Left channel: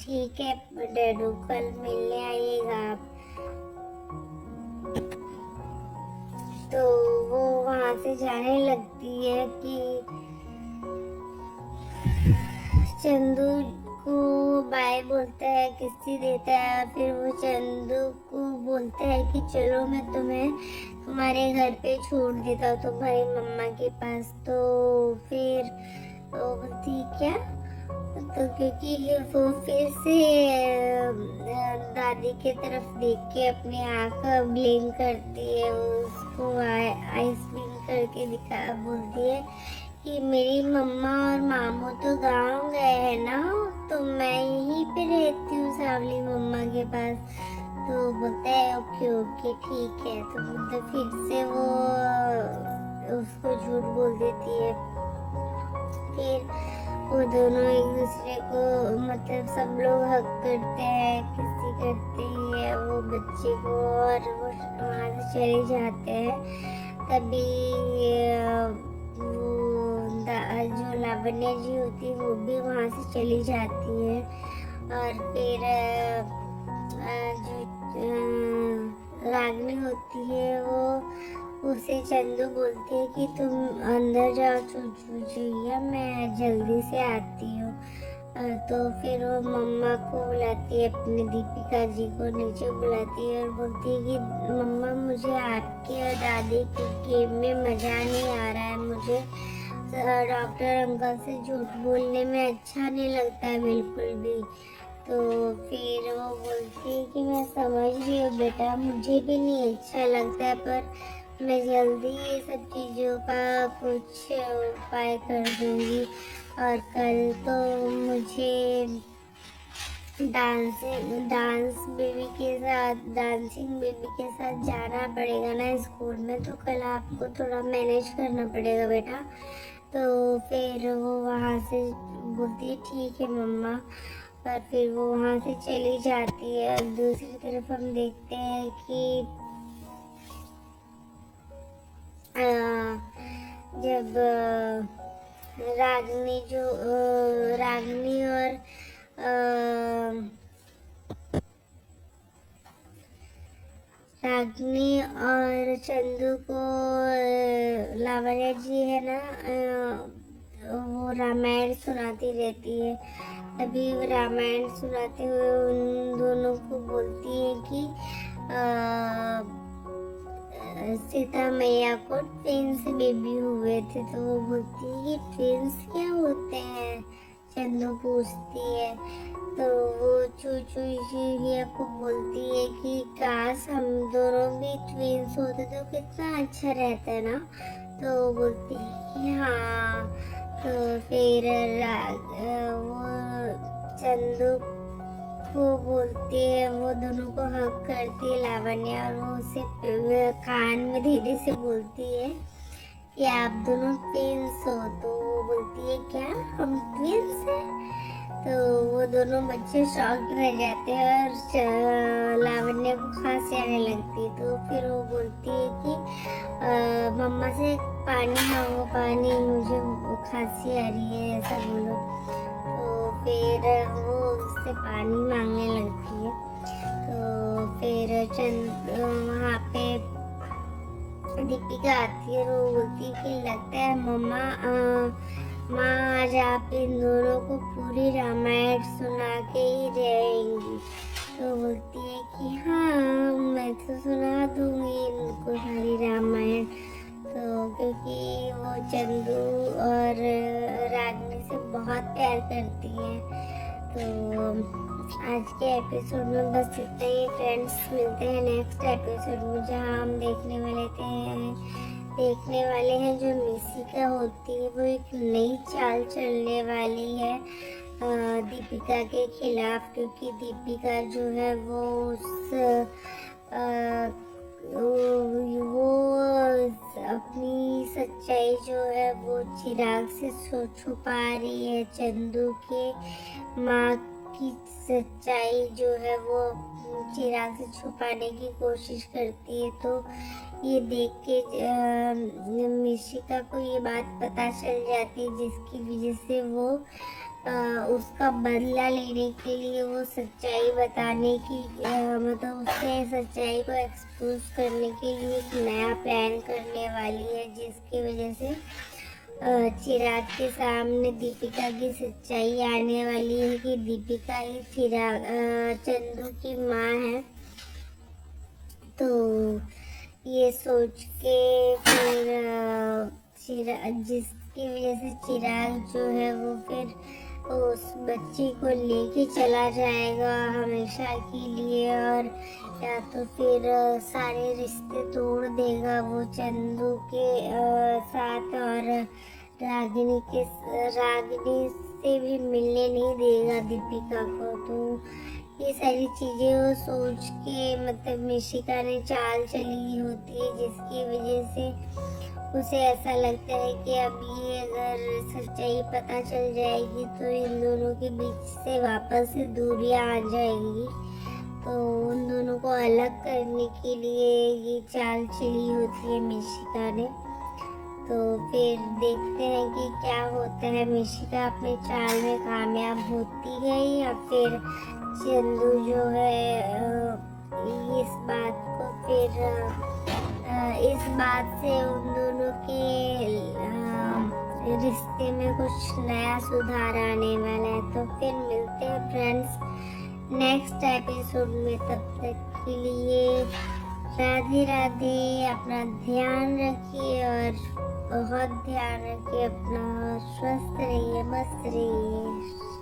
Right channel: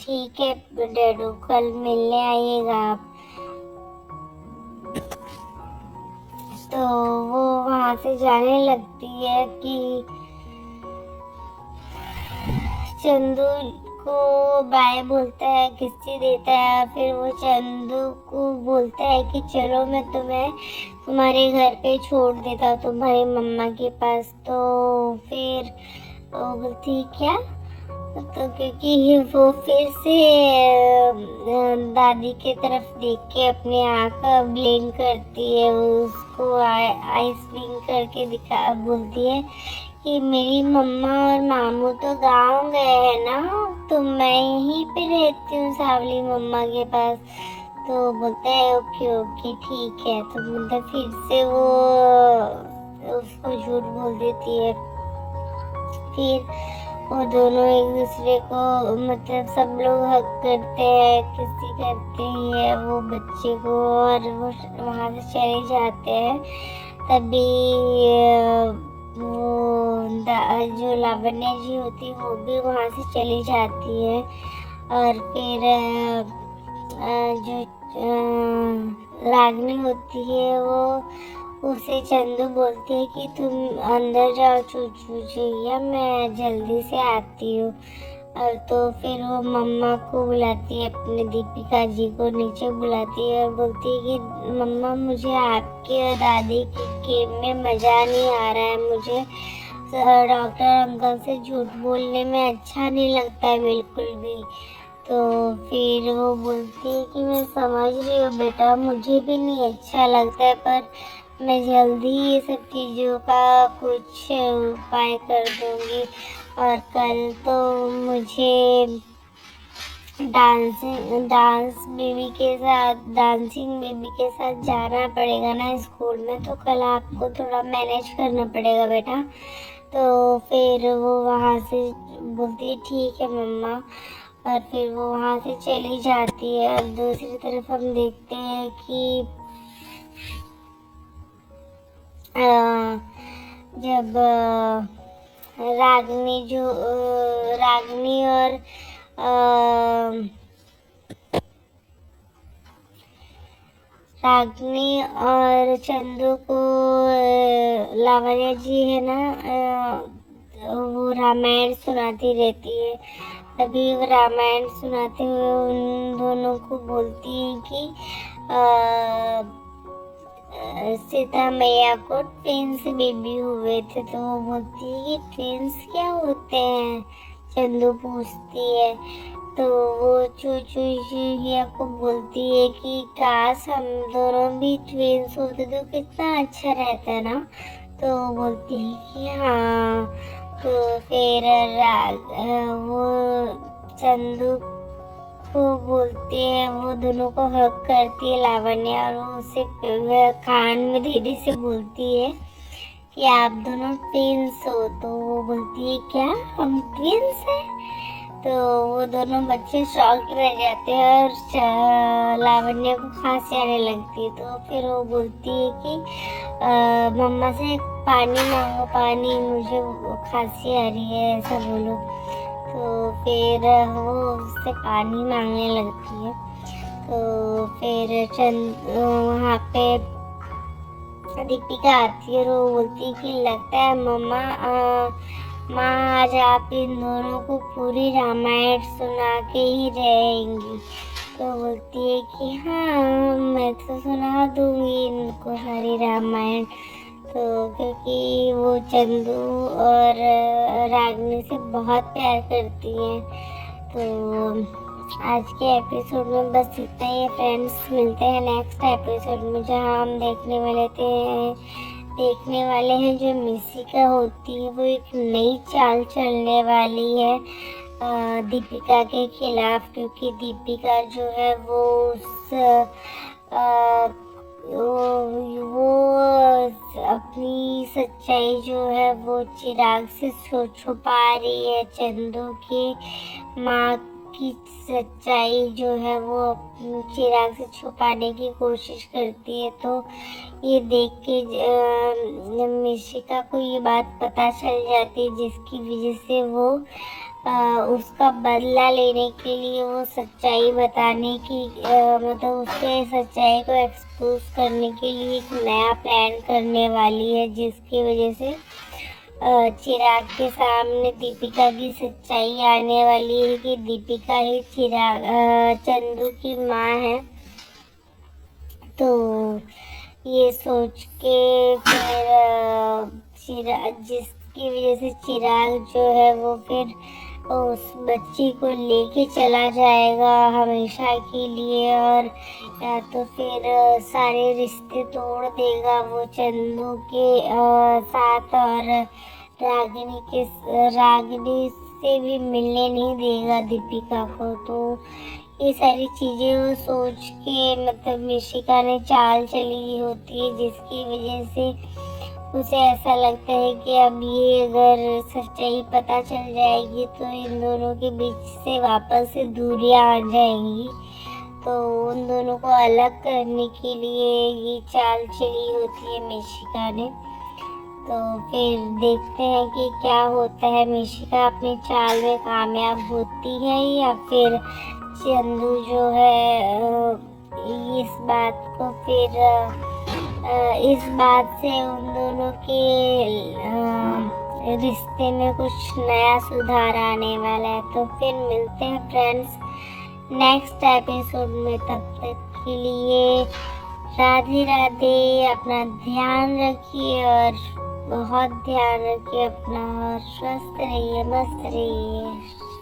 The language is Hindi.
ठीक है डैडू, कल मिलने आइएगा आप। तो वो वहाँ से जाने लगती है कि चंदू को बाय बोलता है, किस्ती देता है। फिर वो चंदू को बोलता है कि चलो मैं तुम्हें तुम्हारे घर पे छोड़ देता हूँ, तुम्हारी मम्मा के पास। तो फिर वो बोलती क्या, तो क्योंकि वो फिर से दादी के तरफ देख के अपनी आँख ब्लिंक करती है, उसको आइस ब्लिंक करके दिखा बोलती है कि मेरी मम्मा और मामू तो गांव गए हैं ना, तो मैं यहीं पे रहती हूँ सावली मम्मा के पास। तो बोलता है ओके ओके ठीक है। तो बोलता फिर से वो उसको झूठ बोल देती है। फिर वो दोनों एक दूसरे को मतलब सब लोग हक करते हैं, किसी करते ही है वो बच्चे को, और वो वहाँ से चले जाते हैं। तभी वो जो लावण्य जी होती है वो भी वहाँ से चली जाती है। और फिर जो रागनी होती है वो उसे चंदू बोलती है कि तुम अंदर जाओ चूचूचिया, मैं जल्दी से आती हूँ। और तो फिर वो मम्मा को बुलाती है, अपने दीपिका जी को नीचे बुलाती है और बोलती है कि मम्मा मुझे आपके और दादी के गेम में मज़ा नहीं आ रहा है, मुझे डॉक्टर अंकल से झूठ बोलने में अच्छा नहीं लगता है बिल्कुल भी। तो फिर वो बोलती है कि मैं समझ रही हूँ बेटा, मुझे भी नहीं अच्छा लगता है, पर मैं जल्दी ये सब चीज़ों का कुछ उपाय कर दूँगी। और कल तो मुझे डांसिंग बेबी के साथ जाना पड़ेगा ना स्कूल में, तो कल आपको थोड़ा मैनेज करना पड़ेगा बेटा। तो फिर वो वहाँ से बोलती है ठीक है मम्मा, और फिर वो वहाँ से चली जाती है। और दूसरी तरफ हम देखते हैं कि जब रागनी और चंदू को लावण्य जी है ना, वो रामायण सुनाती रहती है। तभी वो रामायण सुनाते हुए उन दोनों को बोलती है कि सीता मैया को ट्विंस बेबी हुए थे। तो वो बोलती है कि ट्विंस क्या होते हैं, चंदू पूछती है। तो वो चूचूचिया को बोलती है कि काश हम दोनों भी ट्विंस होते तो कितना अच्छा रहता ना। तो वो बोलती है कि हाँ। तो फिर वो चंदू को बोलती है, वो दोनों को हक करती है लावण्य, और वो उसे कान में धीरे से बोलती है कि आप दोनों ट्विंस हो। तो वो बोलती है क्या हम ट्विंस हैं? तो वो दोनों बच्चे शॉक्ड रह जाते हैं और लावण्य को खांसी आने लगती है। तो फिर वो बोलती है कि मम्मा से पानी मांगो, पानी, मुझे खांसी आ रही है, ऐसा बोलो। तो फिर वो उससे पानी मांगने लगती है। तो फिर वहाँ पे दीपिका आती है और वो बोलती है कि लगता है मम्मा माँ आज आप इन दोनों को पूरी रामायण सुना के ही रहेंगी। तो बोलती है कि हाँ मैं तो सुना दूंगी इनको सारी रामायण। तो क्योंकि वो चंदू और रागनी से बहुत प्यार करती हैं। तो आज के एपिसोड में बस इतना ही फ्रेंड्स, मिलते हैं नेक्स्ट एपिसोड में, जहाँ हम देखने वाले हैं जो मिसिका होती है वो एक नई चाल चलने वाली है दीपिका के खिलाफ। क्योंकि दीपिका जो है वो अपनी सच्चाई जो है वो चिराग से छुपा रही है। चंदू की माँ की सच्चाई जो है वो चिराग से छुपाने की कोशिश करती है। तो ये देख के मिशिका को ये बात पता चल जाती है, जिसकी वजह से वो उसका बदला लेने के लिए वो सच्चाई बताने की मतलब उसके सच्चाई को एक्सपोज करने के लिए एक नया प्लान करने वाली है, जिसकी वजह से चिराग के सामने दीपिका की सच्चाई आने वाली है कि दीपिका ही चंदू की माँ है। तो ये सोच के फिर जिसकी वजह से चिराग जो है वो फिर उस बच्ची को लेके चला जाएगा हमेशा के लिए, और या तो फिर सारे रिश्ते तोड़ देगा वो चंदू के साथ, और रागिनी से भी मिलने नहीं देगा दीपिका को। तो ये सारी चीजें वो सोच के मतलब मिशिका ने चाल चली होती है, जिसकी वजह से उसे ऐसा लगता है कि अब ये अगर सच्चाई पता चल जाएगी तो इन दोनों के बीच से वापस से दूरियां आ जाएंगी। तो उन दोनों को अलग करने के लिए ये चाल चली होती है मिशिका ने। तो फिर देखते हैं कि क्या होता है, मिशिका अपने चाल में कामयाब होती है या फिर चंदू जो है इस बात को फिर इस बात से उन दोनों के रिश्ते में कुछ नया सुधार आने वाला है। तो फिर मिलते हैं फ्रेंड्स नेक्स्ट एपिसोड में, तब तक के लिए राधे राधे। अपना ध्यान रखिए और बहुत ध्यान रखिए अपना, और स्वस्थ रहिए, मस्त रहिए।